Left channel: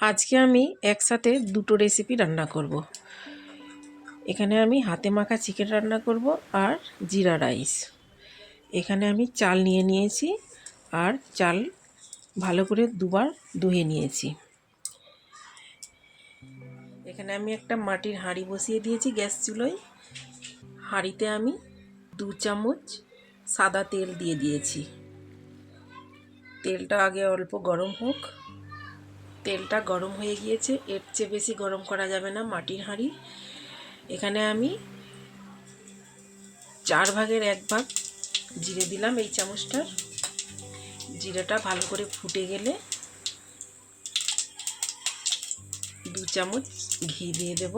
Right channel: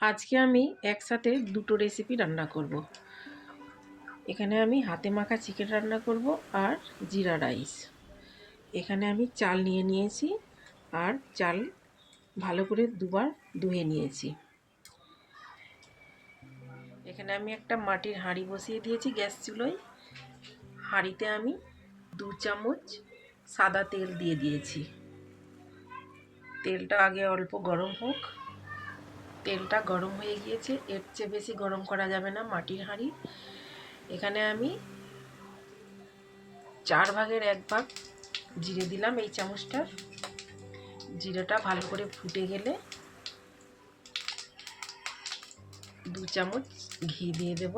আজকে আমি একসাথে দুটো রেসিপি রান্না করব। এখানে আমি হাতে মাখা চিকেন রান্না করব আর জিরা রাইস। এখানে আমি চাল নিয়ে নিয়েছি আর চাল ভালো করে দুবার ধুয়ে নিয়েছি। এখানে আমি একটা মাটির হাঁড়ি বসিয়ে দিয়েছি গ্যাস চুলোয়। হাঁড়িতে আমি 2 চামচ সাদা তেল দিয়ে দিয়েছি। তেলটা আগে অল্প গরম হোক। তেলটা গরম হয়ে গিয়েছে, এর চেয়ে বেশি গরম করা যাবে না মাটির হাঁড়ি। এখানে আমি 4 ভাগের 1 ভাগ জিরে দিলাম এই চামচটার। জিরাটা ভালো করে ফুটে গেলে 2 চামচ ঘি দিয়ে দেব।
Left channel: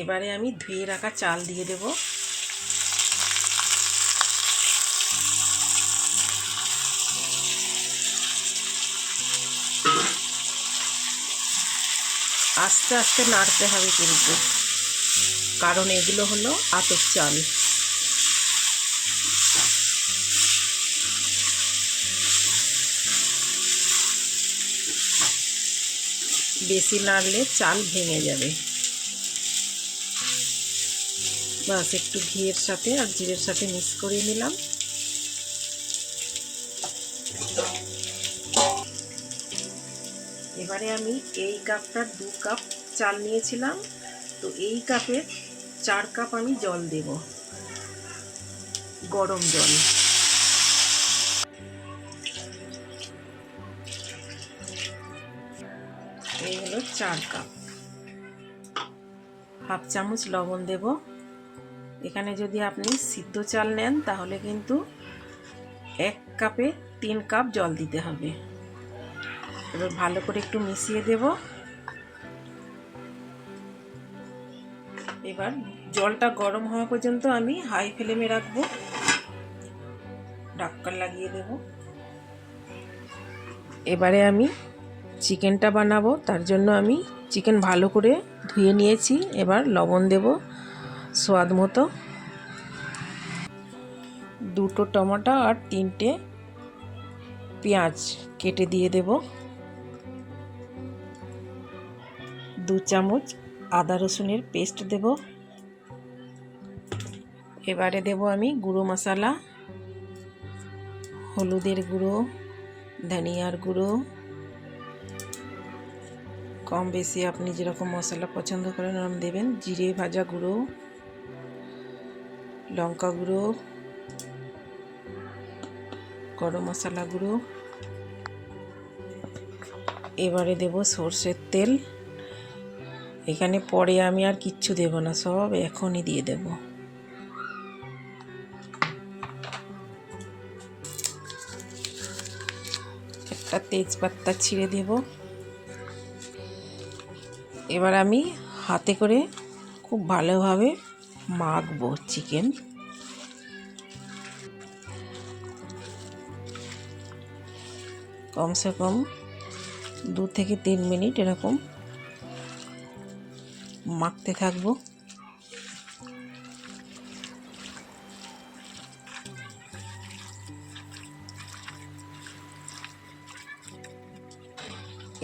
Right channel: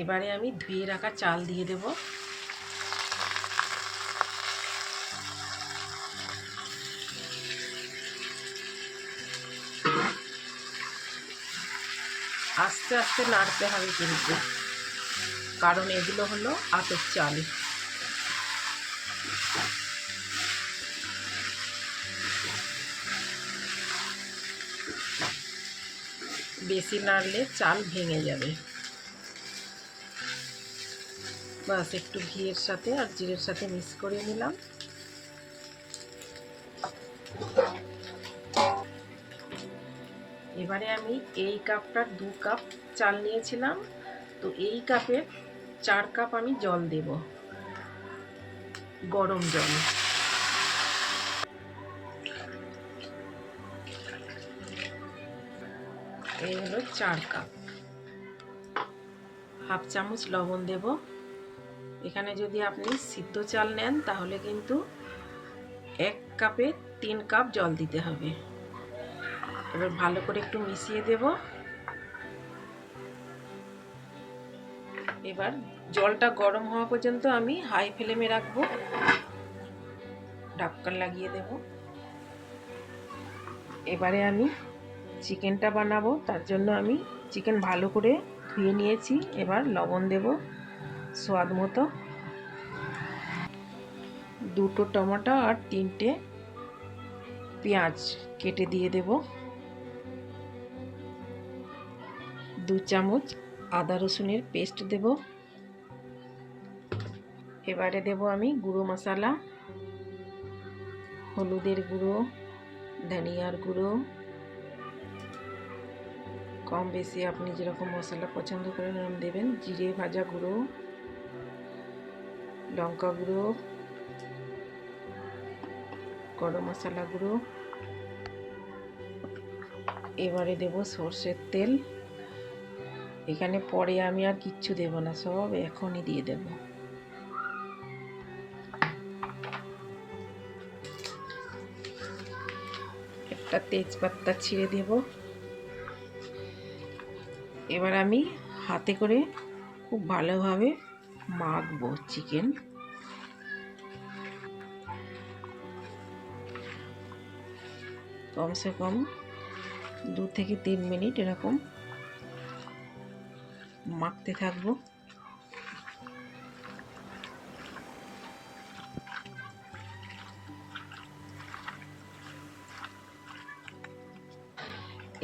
এবারে আমি ধুয়ে রাখা চাল দিয়ে দেব। আস্তে আস্তে নাড়তে হবে কিন্তু, কারণ এগুলো হলো আতপ চাল। বেশি নাড়লে চাল ভেঙে যাবে। বাস একটু ঘিয়ের সাথে আর জিরের সাথে মিক্স করে নিলাম। এবারে আমি এই কাপটার 2 কাপ চাল নিয়েছিলাম, তো এই কাপের 4 কাপ আমি জল দেব, গরম জল। এই হলো 4 কাপ। হাফ চামচ লবণ দেব। এখানে যদি আপনি সিদ্ধ চাল নেন তাহলে কিন্তু 1 কাপে 3 কাপ জল দিতে হবে। এবার ভালো করে একটু মিশিয়ে দেব। এবার জলটা গরম হওয়া পর্যন্ত আমি হাই ফ্লেমে রাখবো, ঢাকনা লাগিয়ে দেব। এবারে আমি চিকেনটা বানাবো, তার জন্য আমি চিকেন ভালো করে ধুয়ে নিয়েছি। এবার লবণ দেব স্বাদ মতো। 2টো টমেটো আর 3টে পেঁয়াজ কেটে দিয়ে দেব। 2 চামচ আদা রসুনের পেস্ট দেব। এবারে দেব আমি গুঁড়ো মশলা, হলুদের গুঁড়ো, ধনিয়ার গুঁড়ো, কম বেশি আপনি যেরকম মশলা পছন্দ করেন ওরকম দেবেন। জিরে ভাজা গুঁড়ো, লঙ্কা গুঁড়ো, গরম মশলা গুঁড়ো। এবারে দেব সরষের তেল। এখানে পরে আমি আর কিচ্ছু দেব না, সব এখনই দিয়ে দেব। একটা তেজপাতা ছিঁড়ে দেব। এবার আমি হাতে করে খুব ভালোভাবে মাখবো চিকেন। কমসে কম 2 থেকে 3 মিনিট এরকম মাখতে থাকবো।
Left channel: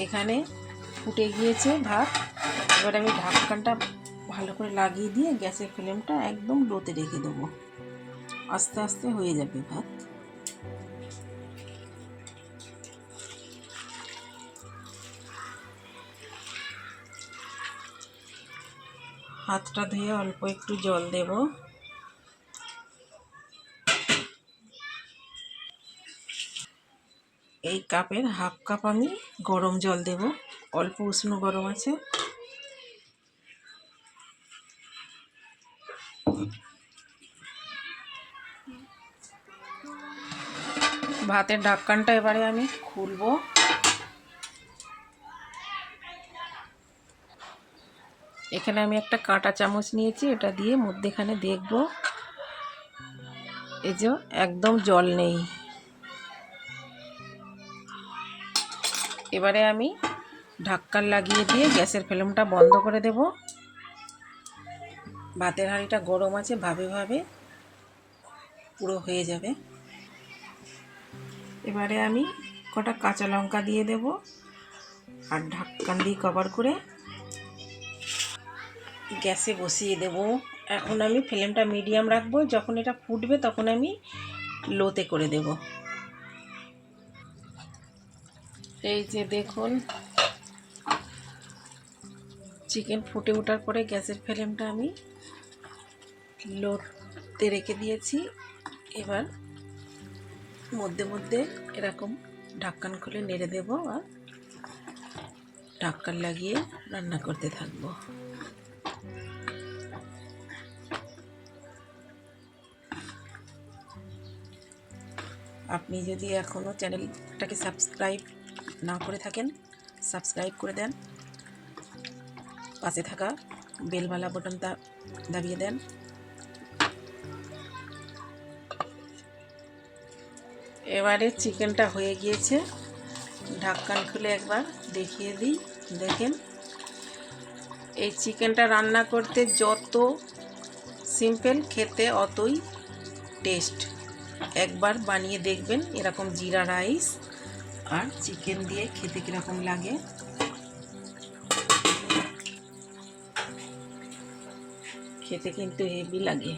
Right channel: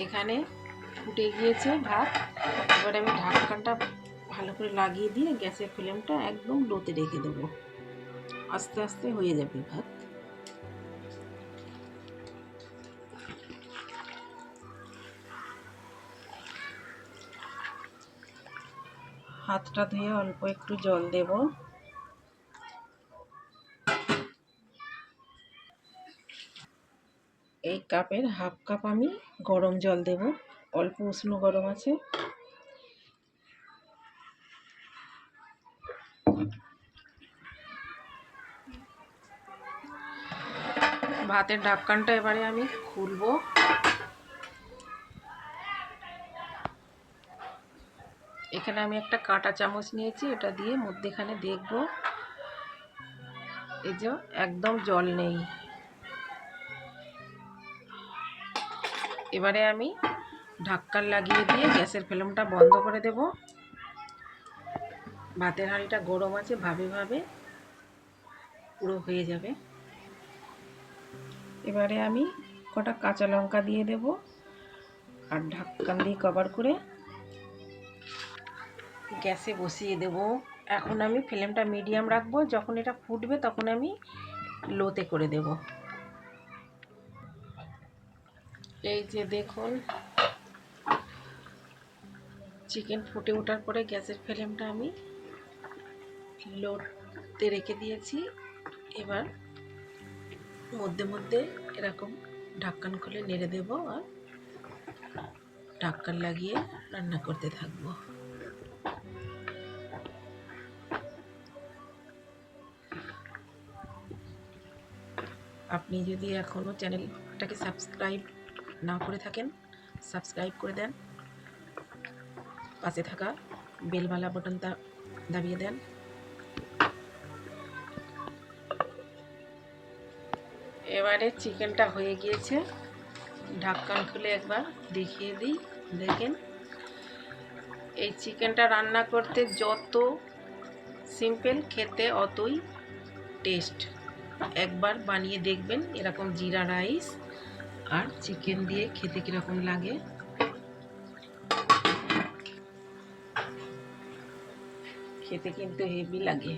এখানে ফুটে গিয়েছে ভাত। এবার আমি ঢাকনাটা ভালো করে লাগিয়ে দিয়ে গ্যাসের ফ্লেমটা একদম লোতে রেখে দেবো। আস্তে আস্তে হয়ে যাবে ভাত। হাতটা ধুয়ে অল্প একটু জল দেব। এই কাপের হাফ কাপ আমি গরম জল দেব, অল্প উষ্ণ গরম আছে। ভাতের ঢাকনাটা এবারে আমি খুলবো। এখানে আমি একটা কাঁটা চামচ নিয়েছি, এটা দিয়ে মধ্যেখানে দেখব এই যে একদম জল নেই। এবারে আমি ঢাকনা লাগিয়ে দিয়ে গ্যাসের ফ্লেমটা বন্ধ করে দেব। ভাতের হাঁড়িটা গরম আছে, ভাবে ভাবে পুরো হয়ে যাবে। এবারে আমি কটা কাঁচা লঙ্কা দিয়ে দেব আর ঢাকনা দিয়ে কভার করে গ্যাসে বসিয়ে দেব। এখন আমি ফ্লেমটা মিডিয়াম রাখবো, যখন এটা ফুটবে তখন আমি লোতে করে দেব। এই যে দেখুন, চিকেন ফুটে ওঠার পরে গ্যাসের ফ্লেমটা আমি লোতে রেখে দিয়েছি। এবার মধ্যে মধ্যে এরকম ঢাকন খুলে নেড়ে দেব আর ঢাকন লাগিয়ে রান্না করতে থাকবো। আপনি যদি এখনও চ্যানেলটাকে সাবস্ক্রাইব না করে থাকেন, সাবস্ক্রাইব করে দেন, পাশে থাকা বেলবালা বাটনটা দাবিয়ে দেন। এবারে চিকেনটা হয়ে গিয়েছে, ঢাকন খুলে একবার দেখিয়ে দিই। দেখেন, এই চিকেনটা রান্না করতে যত সিম্পল, খেতে অতই টেস্ট। একবার বানিয়ে দেখবেন এরকম জিরা রাইস আর চিকেন দিয়ে খেতে কীরকম লাগে। খেতে কিন্তু হেভি লাগে।